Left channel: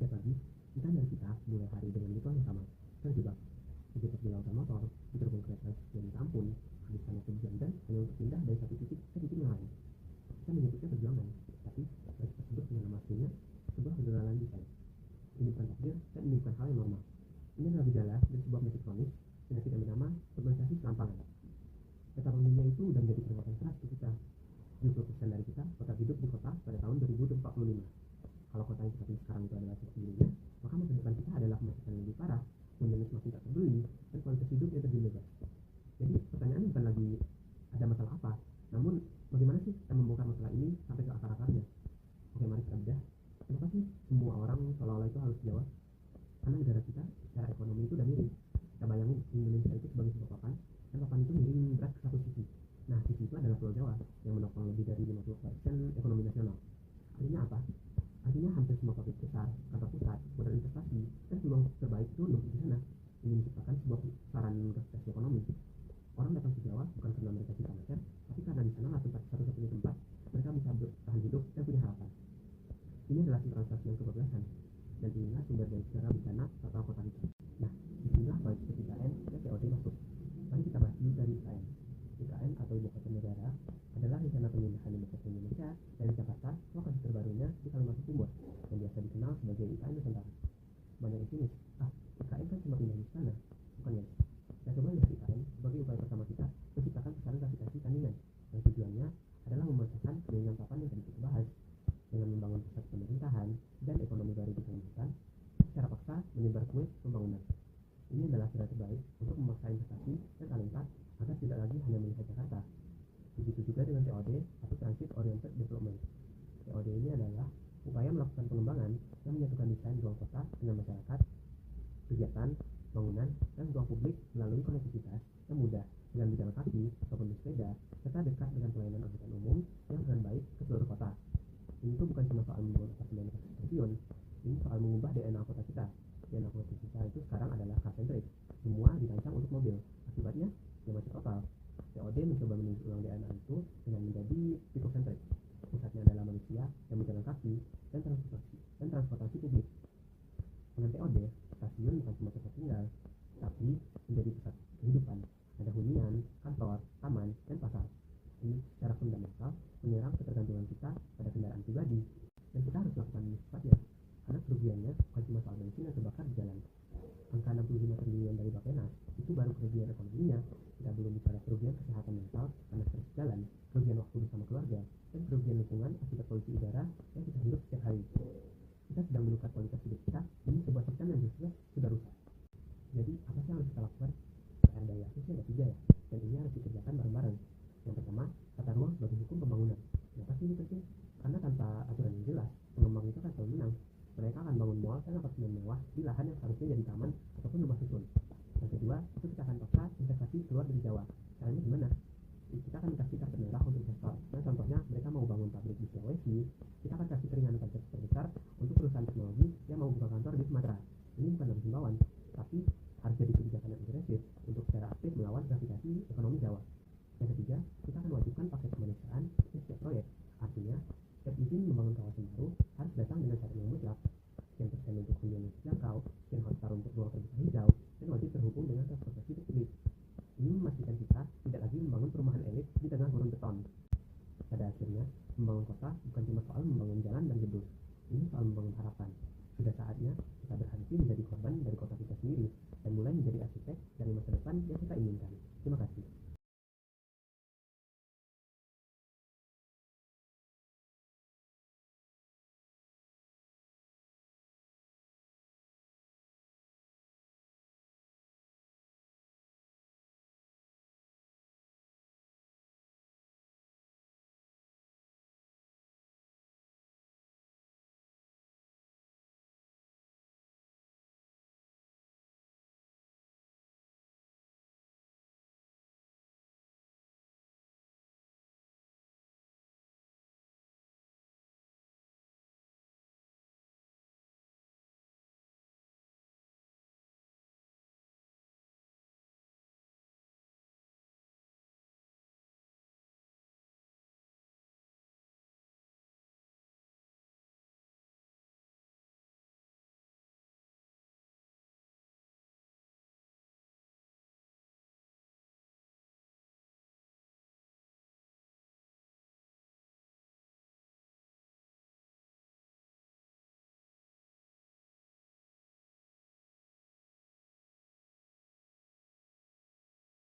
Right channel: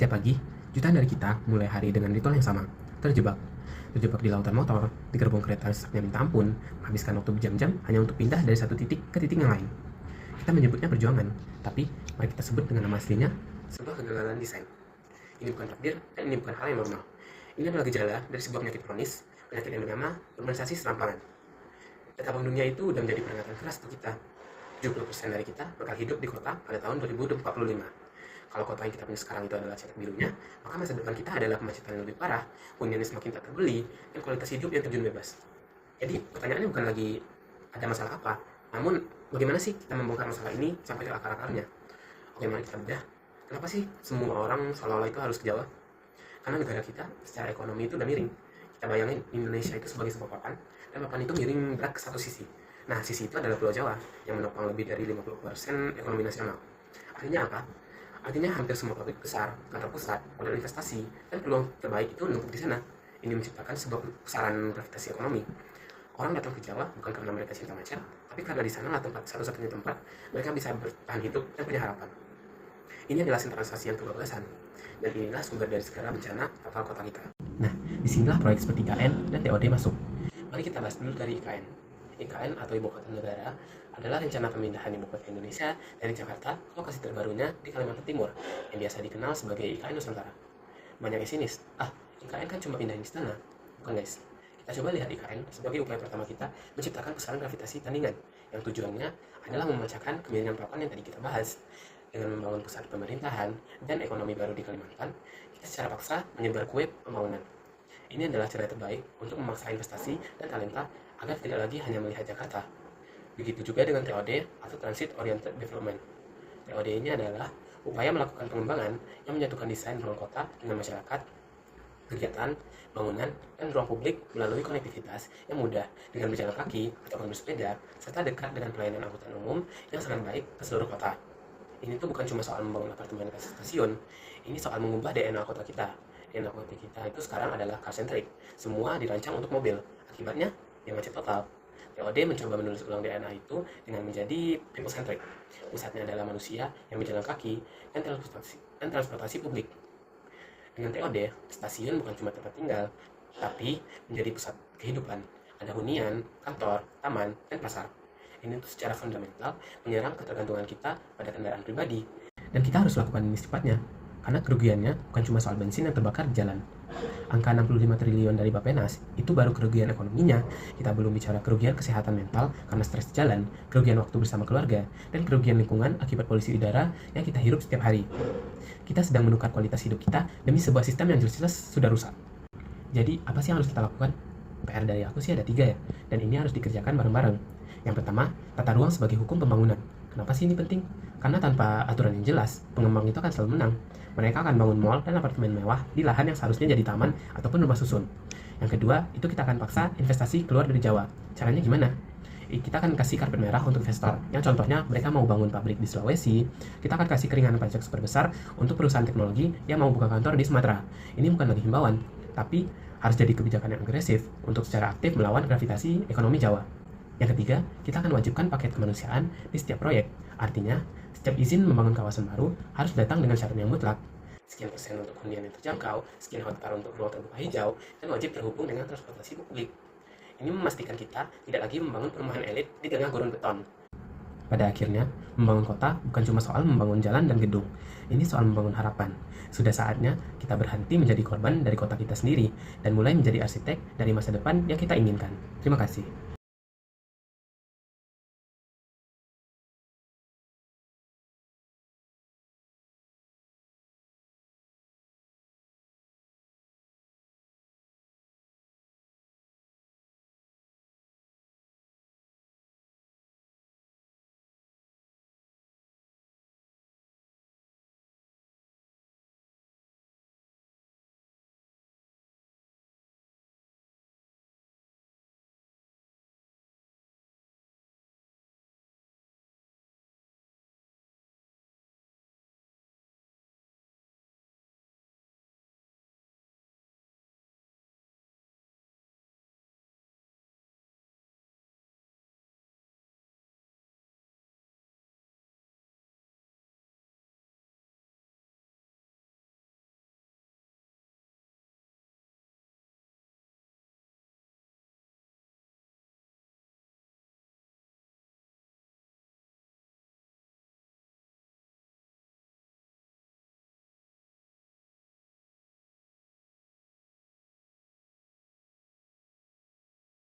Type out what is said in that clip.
Setiap pagi, jutaan dari kita mulai hari dengan ritual yang sama, terjebak. Terjebak di lautan motor, di gerbong kereta yang minta ampun, menghabiskan waktu berjam-jam hanya untuk pindah dari satu titik ke titik yang lain. Kita menyebutnya perjuangan, tapi mari kita sebut dengan nama aslinya, sebuah kegagalan desain. Ini bukan takdir, dan ini bukan hal yang normal. Ini adalah gejala dari sebuah penyakit kronis, penyakit yang bernama urbanisasi serampangan. Data Bank Dunia itu sudah menjadi peringatan keras untuk kita. 70% dari kita bakal hidup di kota pada tahun 2045. Kalau kota yang kita punya sekarang itu adalah cetak birunya, maka masa depan kita adalah kemacetan yang lebih parah, huniannya semakin tak terbeli, dan kualitas hidup yang terjun bebas. Jadi pertanyaannya bukan lagi ada masalah apa, namun bagaimana sih kita membongkar masalah ini sampai ke akar-akarnya. Oke, mari kita bedah. Kenapa sih semua orang seolah-olah itu harus ke Jawa? Karena negara kita secara ekonomi itu udah miring. Kita bayangin Indonesia itu sebagai sebuah papan, dan papan itu miring berat ke satu sisi. Nah, sisi itu adalah Pulau Jawa yang menopang lebih dari 50% ekonomi nasional. Artinya apa? Artinya hampir semua pabrik besar, kantor pusat, modal investasi, dan peluang terbaik itu menumpuk di sana. Ini menciptakan sebuah pusaran gravitasi ekonomi. Orang datang ke Jawa bukan karena mereka cinta macet, tapi karena di sanalah tempat satu-satunya tempat mereka bisa bertahan hidup dan punya harapan. Ini adalah sentralisasi yang kebablasan, dan inilah sumber dari segala bencana fatal kota kita. Nah, disinilah proyek seperti IKN dan TOD masuk. Mari kita bahas dulu dari IKN. IKN atau Ibu Kota Negara adalah rencana pemindahan ibu kota Indonesia dari Jakarta ke lokasi terbarunya di Kalimantan Timur yang biasa dikenal sebagai IKN Nusantara. Banyak yang sinis, IKN kan cuma pindahin istana. Bukan guys, kita coba lihat IKN sebagai upaya pertama kita menciptakan pusaran gravitasi tandingan yang tujuannya adalah memecahkan kemiringan papan yang tadi kita bahas. Dengan membangun pusat pemerintahan dan ekonomi baru di Kalimantan, kita secara paksa menyebar kue pembangunan. Ini adalah cara terbaik untuk memaksa investasi dan talenta agar tidak lagi hanya melihat Jakarta. Begitu juga dengan TOD atau Transit Oriented Development. TOD ini adalah upaya melakukan pengembangan yang menyatukan desain ruang kota dengan masyarakat, kegiatan, bangunan, dan ruang publik melalui konektivitas yang mudah dengan berjalan kaki ataupun bersepeda, serta dekat dengan pelayanan angkutan umum yang sangat baik ke seluruh kota. Ini tuh bukan cuma soal membangun apartemen ke stasiun, ini soal mengubah DNA kota kita. DNA kota kita itu sekarang adalah car-centric, semua dirancang untuk mobil. Akibatnya, ya macet total. TOD mencoba menulis ulang DNA itu dengan menjadi people-centric. Pusatnya adalah manusia yang berjalan kaki dan transportasi publik. Dengan TOD, stasiun bukan cuma tempat tinggal, tapi menjadi pusat kehidupan. Ada hunian, kantor, taman, dan pasar. Ini tuh secara fundamental menyerang ketergantungan kita pada kendaraan pribadi. Dan kita harus lakukan ini secepatnya, karena kerugiannya bukan cuma soal bensin yang terbakar di jalan. Angka 65 triliun dari Bappenas itu baru kerugian ekonominya. Kita belum bicara kerugian kesehatan mental karena stres di jalan, kerugian waktu bersama keluarga, dan kerugian lingkungan akibat polusi udara yang kita hirup setiap hari. Kita sedang menukar kualitas hidup kita demi sebuah sistem yang jelas-jelas sudah rusak. Jadi apa sih yang harus kita lakukan? PR dari aku sih ada 3 ya, dan ini harus dikerjakan bareng-bareng. Yang pertama, tata ruang sebagai hukum pembangunan. Kenapa sih ini penting? Karena tanpa aturan yang jelas, pengembang itu akan selalu menang. Mereka akan bangun mall dan apartemen mewah di lahan yang seharusnya jadi taman ataupun rumah susun. Yang kedua, itu kita akan paksa investasi keluar dari Jawa. Caranya gimana? Kita akan kasih karpet merah untuk investor. Yang contohnya mereka mau bangun pabrik di Sulawesi, kita akan kasih keringanan pajak super besar untuk perusahaan teknologi yang mau buka kantor di Sumatera. Ini bukan lagi himbauan, tapi harus jadi kebijakan yang agresif untuk secara aktif melawan gravitasi ekonomi Jawa. Yang ketiga, kita akan wajibkan paket kemanusiaan di setiap proyek. Artinya, setiap izin membangun kawasan baru harus datang dengan syarat yang mutlak. Sekian persen untuk hunian yang terjangkau, sekian hektar untuk ruang terbuka hijau, dan wajib terhubung dengan transportasi publik. Ini memastikan kita tidak lagi membangun perumahan elit di tengah gurun beton. Pada akhirnya, membangun kota bukan cuma soal membangun jalan dan gedung. Ini soal membangun harapan. Sudah saatnya kita berhenti menjadi korban dari kota kita sendiri dan mulai menjadi arsitek dari masa depan yang kita inginkan. Terima kasih.